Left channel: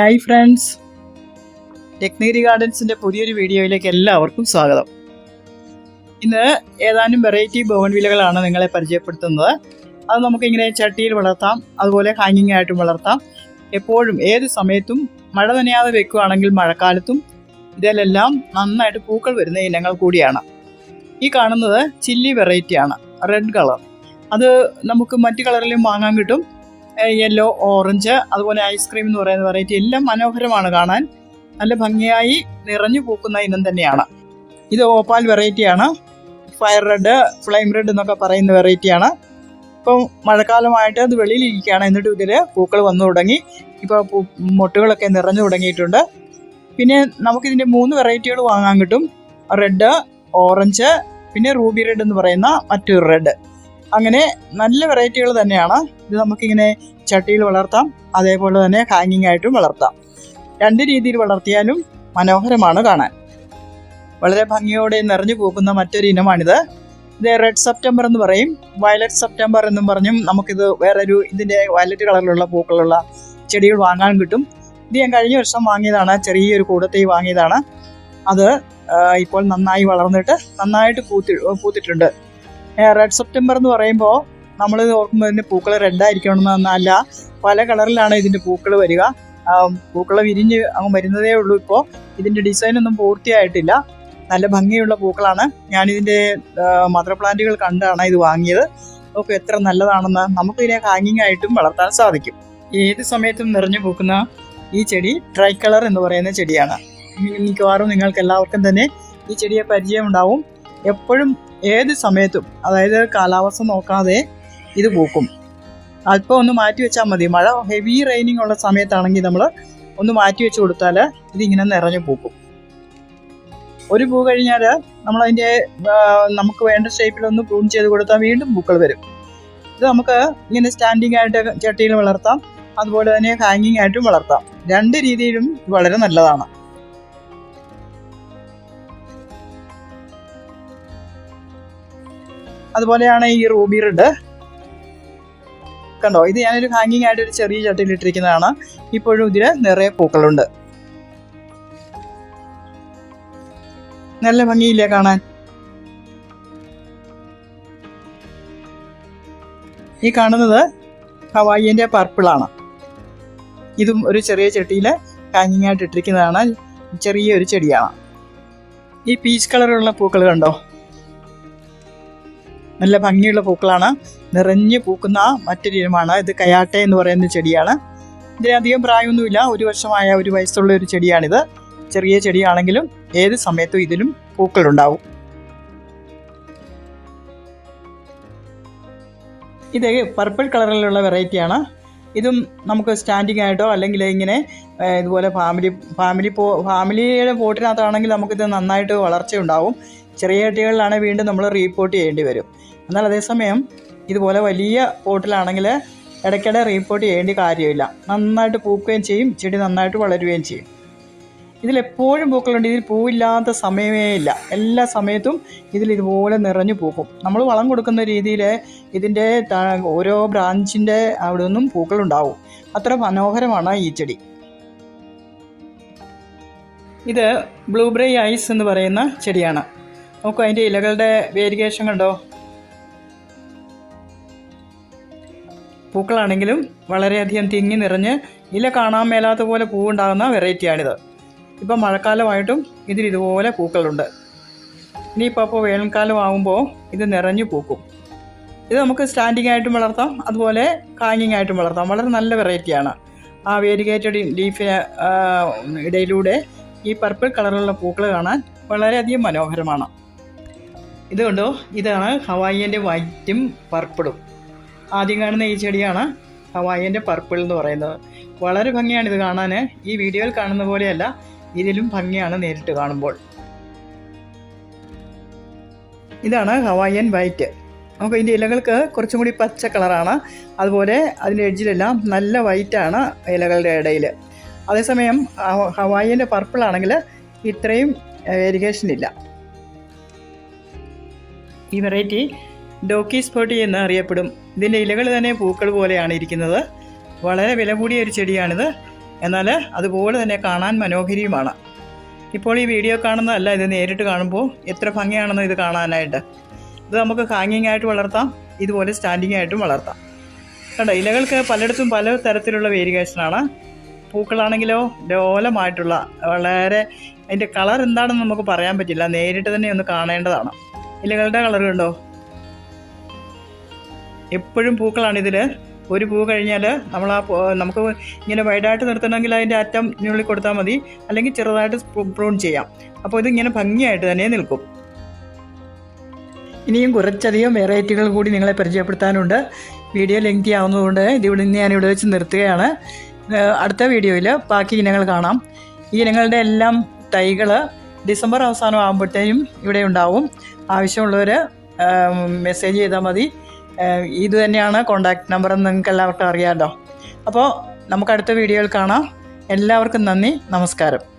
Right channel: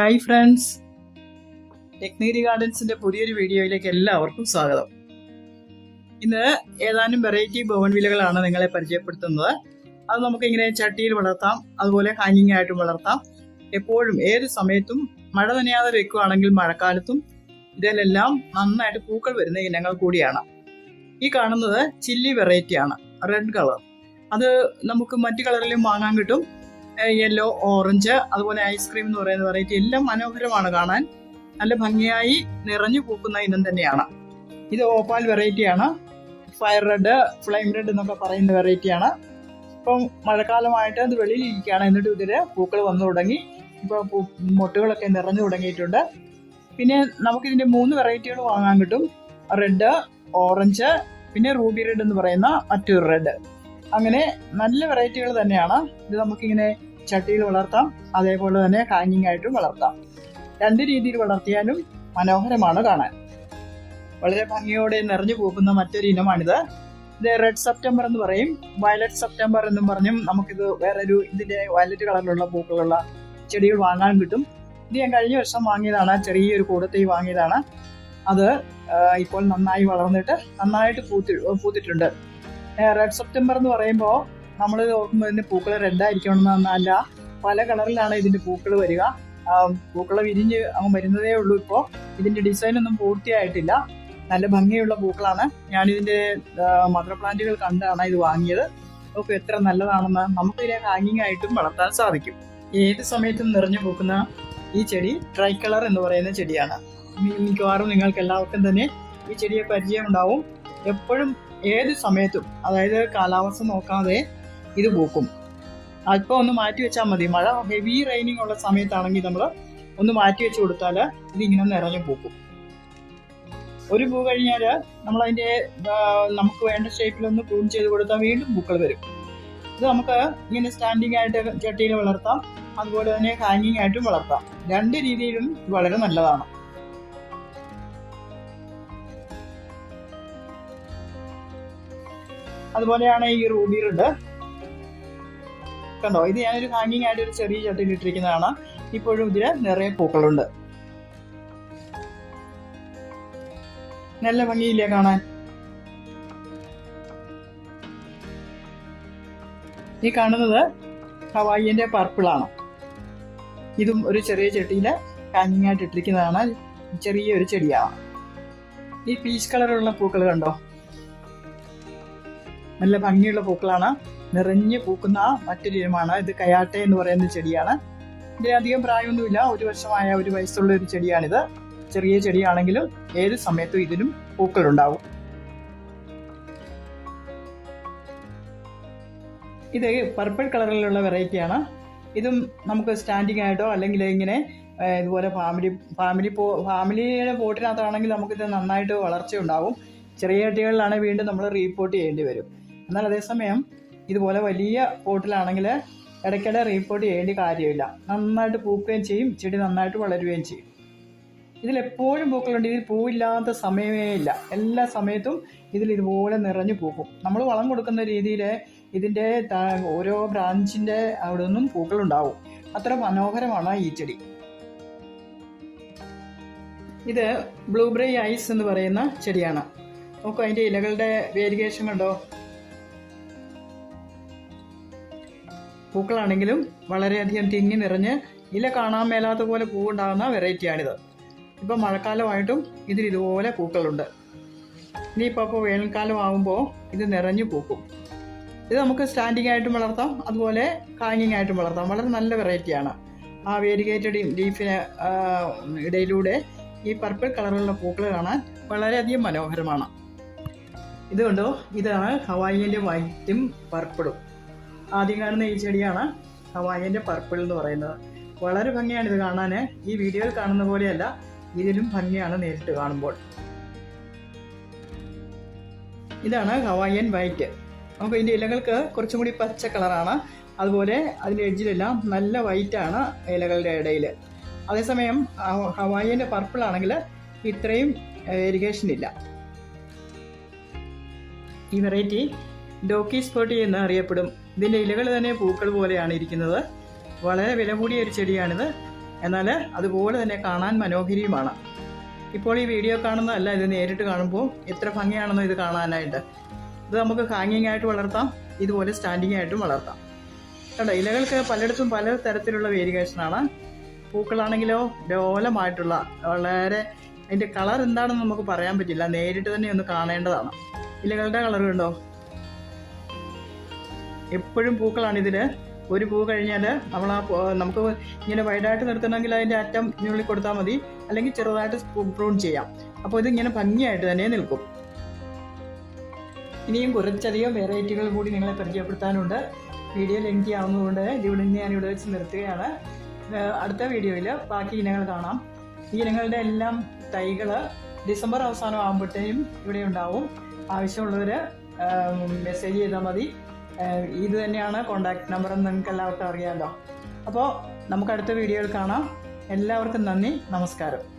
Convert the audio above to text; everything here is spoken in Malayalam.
Hi friends. ടെക്നീരി ഗാർഡൻസിന്റെ പുതിയൊരു വീഡിയോയിലേക്ക് എല്ലാവർക്കും സ്വാഗതം. ഇന്ന് ഏതാനും വെറൈറ്റി ബോവൻ വിലകളാണ് നിങ്ങളെ പരിചയപ്പെടുത്തുന്നത്. അത് നമുക്കിങ്ങനെ ചട്ടിയിൽ വളർത്താം അതുപോലെ ഹാങ്ങിങ് ആയിട്ടും വളർത്താം. എപ്പോഴും ഏത് സമയത്തും മഴ നനയാതെ വെക്കുകയാണെങ്കിൽ മഴക്കാലത്തും ഇതിലെല്ലാം നന്നായിട്ട് പൂക്കൾ വരുന്ന ഇനങ്ങൾ കൂടിയാണ്. ഈ കാണുന്നത് ചില്ലി വെറൈറ്റിയാണ് റെഡ് കളർ അത് നമുക്ക് മറ്റു കളറിലും വാങ്ങാൻ കിട്ടും. യെല്ലോ ഓറഞ്ച് അതുപോലെ ഐസ്ക്രീം എന്ന് പറയുന്ന വെറൈറ്റി എല്ലാം മനോഹരമാണ് കാണാൻ. നല്ല ഭംഗിയായി നിറഞ്ഞു പൂക്കുന്ന ഇനം തന്നെയാണ്. ഇത് ഓപ്പാൽ വെറൈറ്റിയാണ് ഫയർ റെഡ് ഫ്ലെയിം റെഡ് എന്നൊക്കെ പറയുന്ന വെറൈറ്റിയാണ് ഇപ്പം മഴക്കാലമായിട്ട് അത് വെളിയിലിരിക്കുകയാണ്. എന്നിട്ട് ഇതിൽ പൂക്കൾ വന്നു തുടങ്ങി. ഇപ്പോൾ മൊട്ടുകളൊക്കെ നിറഞ്ഞു തുടങ്ങിയിട്ടുണ്ട്. പിന്നെ നമുക്കിതിന്റെ മൂന്ന് വെറൈറ്റികൾ വാങ്ങാൻ കിട്ടും. റെഡ് ഓറഞ്ച് പിന്നെ റൂബി റെഡ് എന്ന് പറയുന്ന മറ്റൊരു റെഡ് അങ്ങനെ നല്ല വെറൈറ്റികൾ തന്നെയാണ്. ഇത് നമുക്കിങ്ങനെ ചട്ടിയിൽ വളർത്താം. അതേപോലെ തന്നെ ഹാങ്ങിങ് ആയിട്ടും വളർത്താം. രണ്ട് രീതിയിൽ വളർത്തിയാലും മനോഹരമാണ് കാണാൻ. വളരെ ഭംഗിയോടെ നിറഞ്ഞു പോകുന്ന മറ്റൊരു ഇനമാണിത്. ഇത് റെഡ് സെപ്റ്റംബർ എന്ന് പറയും. വയലറ്റ് സെപ്റ്റംബർ എന്നും പറഞ്ഞും നമുക്കിത് വേറൊരു ഇതിന്റെ വയലറ്റ് കളറിലുള്ള പൂക്കളുള്ള ചെടികൾ വാങ്ങാൻ കിട്ടും. ഇത് ഞാൻ കഴിഞ്ഞ വർഷം വാങ്ങിയതാണ്. ചെറിയൊരു കൂടത്തേ വാങ്ങിയതാണ്. അത് ഇപ്പോൾ നന്നായി വളർന്നിട്ട് നന്നായിട്ട് പൂത്തി പൂത്തിട്ടുണ്ട്. റെഡ് സെപ്റ്റംബർ എന്ന് പറയുമ്പോൾ നമ്മൾ ഇതിന്റെ പൂക്കൾ റെഡായിരിക്കണമെന്നല്ല പല കളറിലാണ് ഇതിന്റെ പൂക്കൾ വരിക. പൂക്കൾ വിരിഞ്ഞ് അങ്ങ് വരുന്നതേ ഉള്ളൂ ഇപ്പോൾ ഇതിന്റെ ഡിസൈനൊന്നും പൂർത്തിയായിട്ടില്ല. നല്ല ഭംഗിയുള്ള പൂക്കളാണ്. ഞാനിതിന്റെ മദർ പ്ലാന്റുകൾ കണ്ടാണ് ഇത് വാങ്ങിയത്. അപ്പോൾ എത്ര നല്ലതാണെന്ന് നമുക്ക് ഇതിനെ ഹാങ്ങിങ് ആയിട്ടും വളർത്താൻ സാധിക്കും. ഏത് സമയത്തും നിറഞ്ഞു പൂക്കുന്ന ഈ ചെടി ട്രൈ കളർ എന്ന് പറയുന്ന ചെടിയാണ്. മിക്കവാറും നിങ്ങൾക്ക് എല്ലാവർക്കും തന്നെ ഈ ചെടിയെ പരിചയം ഉണ്ടാവും എപ്പോഴും ഏത് സമയത്തും അതായത് കാലാവസ്ഥ നോക്കാതെ ഇത് പൂക്കും. അല്പം ഒന്ന് മാറ്റി വെച്ചാൽ മതി. മഴ ഹെവി റെയിനിങ് ഉള്ള സമയത്താണെങ്കിൽ നമ്മൾ ഒന്ന് മാറ്റി വെച്ച് കൊടുത്താൽ ഇതിങ്ങനെ നിറഞ്ഞു പൂക്കും. ഒരു പൂ കഴിഞ്ഞാൽ നമ്മളതിന്റെ നമുക്ക് വേണ്ട ഷേപ്പിൽ ഒന്ന് പ്രൂൺ ചെയ്ത് കൊടുത്താൽ വീണ്ടും പൂക്കൾ വരും. ഇത് നമുക്ക് ഇങ്ങനെ സ്റ്റാൻഡിങ് ആയിട്ട് ചട്ടിയിൽ വളർത്താം. അതുപോലെ തന്നെ ഹാങ്ങിങ് ആയിട്ടും വളർത്താം. രണ്ട് രീതിയിലും വളരെ നല്ലതാണ്. അതുപോലെയാണ് ഈ റൂബി റെഡ്. കണ്ടോ ഇത് ഞാനൊരു ഹാങ്ങിങ് ആയിട്ട് ഒരു ചെറിയ ചട്ടിയിൽ ഇട്ടിരിക്കുന്നതാണ്. ഇപ്പോഴും ഇതിൽ നിറയെ പൂക്കളുണ്ട്. നല്ല ഭംഗിയില്ലേ കാണാൻ? ഈ കാണുന്നത് ഹവായിന്റെ പർപ്പിളാണ് ഇതും ഒരു ചെറിയ ചട്ടിയിൽ ഹാങ്ങിങ് ആയിട്ട് ഇട്ടിരിക്കുന്നതാണ്. ചെറിയൊരു ചെടിയാണ്. ഈ പീച്ച് കളറുള്ള പൂക്കൾ കണ്ടോ? നല്ല ഭംഗിയുള്ള പൂക്കളാണ്. നിറഞ്ഞു പൂക്കുന്ന മറ്റൊരു ഇനമാണ്. ഇത് കയാട്ടെ എന്ന് പറയുന്ന ചെടിയാണ്. ഇതിന് അധികം പ്രായമൊന്നുമില്ല. ഒരു വർഷമായ ഒരു വയസ്സുള്ള ഒരു ചെടിയാണിത്. ചെറിയ ചെടിയാണെങ്കിലും ഏത് സമയത്തും ഇതിലും പൂക്കളുണ്ടാവും. ഇത് പർപ്പിൾ കളറിലുള്ള വെറൈറ്റിയാണ്. ഇതും നമുക്ക് സ്റ്റാൻഡിങ് ആയിട്ടോ അല്ലെങ്കിൽ ഇങ്ങനെ ഇതുപോലെ ഫാമിലി ഫാമിലി പോ ഫാമിലിയുടെ പോട്ടിനകത്താണെങ്കിൽ നമുക്കിത് നന്നായിട്ട് വളർച്ച ഉണ്ടാവും ചെറിയ ചട്ടികളിലാണെങ്കിൽ വീണ്ടും നമ്മൾ റീപോർട്ട് ചെയ്യേണ്ടി വരും. എന്നാൽ അതേസമയം ഇതുപോലെ വലിയ പോട്ടിലാണെങ്കിൽ ഇടയ്ക്കിടെ റീപോർട്ട് ചെയ്യേണ്ട കാര്യമില്ല. നന്നായിട്ട് പൂക്കുകയും ചെയ്യും ചെടി നന്നായിട്ട് വളരുകയും ചെയ്യും. ഇതിലെപ്പോഴും പൂക്കളുണ്ട്. ഇതിൽ പൂവില്ലാത്ത സമയമേ ഇല്ല. എല്ലാ സമയത്തും ഇതിൽ ഇതുപോലെ നിറഞ്ഞു പൂക്കും. നമ്മൾ വളം കൊടുക്കുന്ന രീതിയിൽ ഇതിന്റെ ഓരോ ബ്രാഞ്ചിന്റെ അവിടെ നിന്നും പൂക്കളുണ്ടാവും. അത്ര മനോഹരമാണ് ഈ ചെടി. ഇത് ബ്ലൂബെറി ഐസ് എന്ന് പറയുന്ന ചെടിയാണ്. നോക്കൂ അതിന്റെ ഇലകളുടെ വേരിയേഷൻ കണ്ടോ പൂക്കളാണെങ്കിലും വളരെയധികം തിങ്ങി നിറഞ്ഞ് ഇല കാണാൻ മേലാത്ത പോലെ പൂവുണ്ടാകുന്ന വെറൈറ്റിയാണിത്. ഇപ്പം മഴക്കാലമായിട്ടും ഇതിൽ ഇതുപോലെ പൂക്കളുണ്ട്. ഇനിയിപ്പോൾ അപ്പോൾ വേനൽക്കാലം ആകുമ്പോൾ ഇത് നിറഞ്ഞു പൂക്കും. ഇത് നമുക്ക് സ്റ്റാൻഡിങ് ആയിട്ടും വളർത്താം അതുപോലെ ഹാങ്ങിങ് ആയിട്ടും വളർത്താം. വളരെ നല്ല വെറൈറ്റിയാണ്. ആ വേരിഗേറ്റഡ് ലീഫിന് ഇടയിലൂടെ ഈ പർപ്പിൾ കളറിലുള്ള പൂക്കൾ കാണാൻ വളരെയധികം മനോഹരമാണ്. ഇത് കണ്ടോ? ഇതാണ് ഹവായിന്റെ വൈറ്റും പർപ്പിളും. ആദ്യം കാണുന്ന ഈ ചെടിയാണ് ഹവായിന്റെ പർപ്പിൾ എന്ന് പറയുന്നത്. വളരെ ഭംഗിയാണ് ഇത് കാണാൻ ഈ വീഡിയോയിൽ കാണുന്ന പോലെയല്ല ഇതിലും ഭംഗിയാണ് നേരിട്ട് കാണുമ്പോൾ. ഇതാണ് ഹവായിയൻ വൈറ്റ് നമുക്ക് ഇതിന്റെ ഇലകൾക്ക് കുറച്ചും കൂടി പച്ച കളറാണ്. അതുപോലെ അതിന്റെ എഡ്ജിലെല്ലാം നല്ല വൈറ്റാണ് ഇലകളുടെ ഇടയിൽ അതേസമയം ഹവായിന്റെ പർപ്പിളാണെങ്കിൽ ഇത്രയും വേരിഗേഷൻ ഇല്ല ഈ വെറൈറ്റി ഡോക്കി സ്പോട്ടി എന്ന് അറിയപ്പെടും. ഇതിന്റെ ഇലകൾ തന്നെ പൂക്കൾ പോലെയാണ് ഇരിക്കുന്നത്. വളരെ വില കൂടിയ ഒരു ചെടിയാണിത്. എന്നാൽ അതുപോലെ തന്നെ കാണാൻ മനോഹരിയുമാണ്. ഇപ്പോൾ ഈ വീഡിയോ കാണുന്നതല്ല ഇത് നേരിട്ട് കാണുമ്പോൾ എത്ര ഭംഗിയാണെന്ന് ഇത് കാണാനായിട്ട്. ഇത് നമുക്ക് ഹാങ്ങിങ് ആയിട്ട് വളർത്താം ഇതുപോലെ സ്റ്റാൻഡിങ് ആയിട്ടും വളർത്താം. കണ്ടോ ഇലകൾക്ക് പലയിടത്തും പല തരത്തിലുള്ള വേരിയേഷനാണ് പൂക്കളാണെങ്കിലോ ലോലമായിട്ടുള്ള വളരെ അതിന്റെ കളർ എന്താണെന്ന് നമുക്ക് പറയാൻ പറ്റില്ല. നേരിട്ട് തന്നെ ഒന്ന് കാണേണ്ടതാണ്. ഇലകളുടെ കളർ കണ്ടോ? എപ്പോഴും പൂക്കളാണ് ഇതിൽ ഒരു പൂ കഴിഞ്ഞാൽ നമ്മൾ ആ നമുക്ക് ഇങ്ങനെ വൈഡായിട്ട് നിർത്തണമെങ്കിൽ അതിന്റെ അറ്റം ഞുള്ളി കൊടുത്താൽ മതി. അല്ലെങ്കിൽ ചെറുതായിട്ട് പ്രൂൺ ചെയ്യാം. അപ്പോൾ ഇതിങ്ങനെ ഭംഗിയായിട്ട് തന്നെ നിൽക്കും. ഇനിയും കുറച്ചധികം വെറൈറ്റികൾ കൂടി നിങ്ങളെ പരിചയപ്പെടുത്താനുണ്ട്. വീഡിയോ ലെങ്തി ആവുന്നതുകൊണ്ട് ഇതിവിടെ നിന്ന് ഞാനിവിടെ വെച്ച് നിർത്തുകയാണ്. അടുത്ത വീഡിയോയിൽ ബാക്കി ഇനങ്ങൾ കാണാം. ഈ ഇനങ്ങളുടെ എല്ലാം തൈകൾ ഡിസംബർ അവസാനം ആകുമ്പോഴത്തേക്കും ഇവിടെ ഉണ്ടാവും. ആവശ്യമുള്ളവർ മെസ്സേജ് ചെയ്താൽ മതി. ഇത് തന്നെയാണ് കോണ്ടാക്ട് നമ്പർ എന്ന് നിങ്ങൾക്ക് എല്ലാവർക്കും അറിയാമല്ലോ അപ്പോൾ നമുക്ക് അടുത്ത വീഡിയോയിൽ കാണാം. എല്ലാവർക്കും നന്ദി. നമസ്കാരം.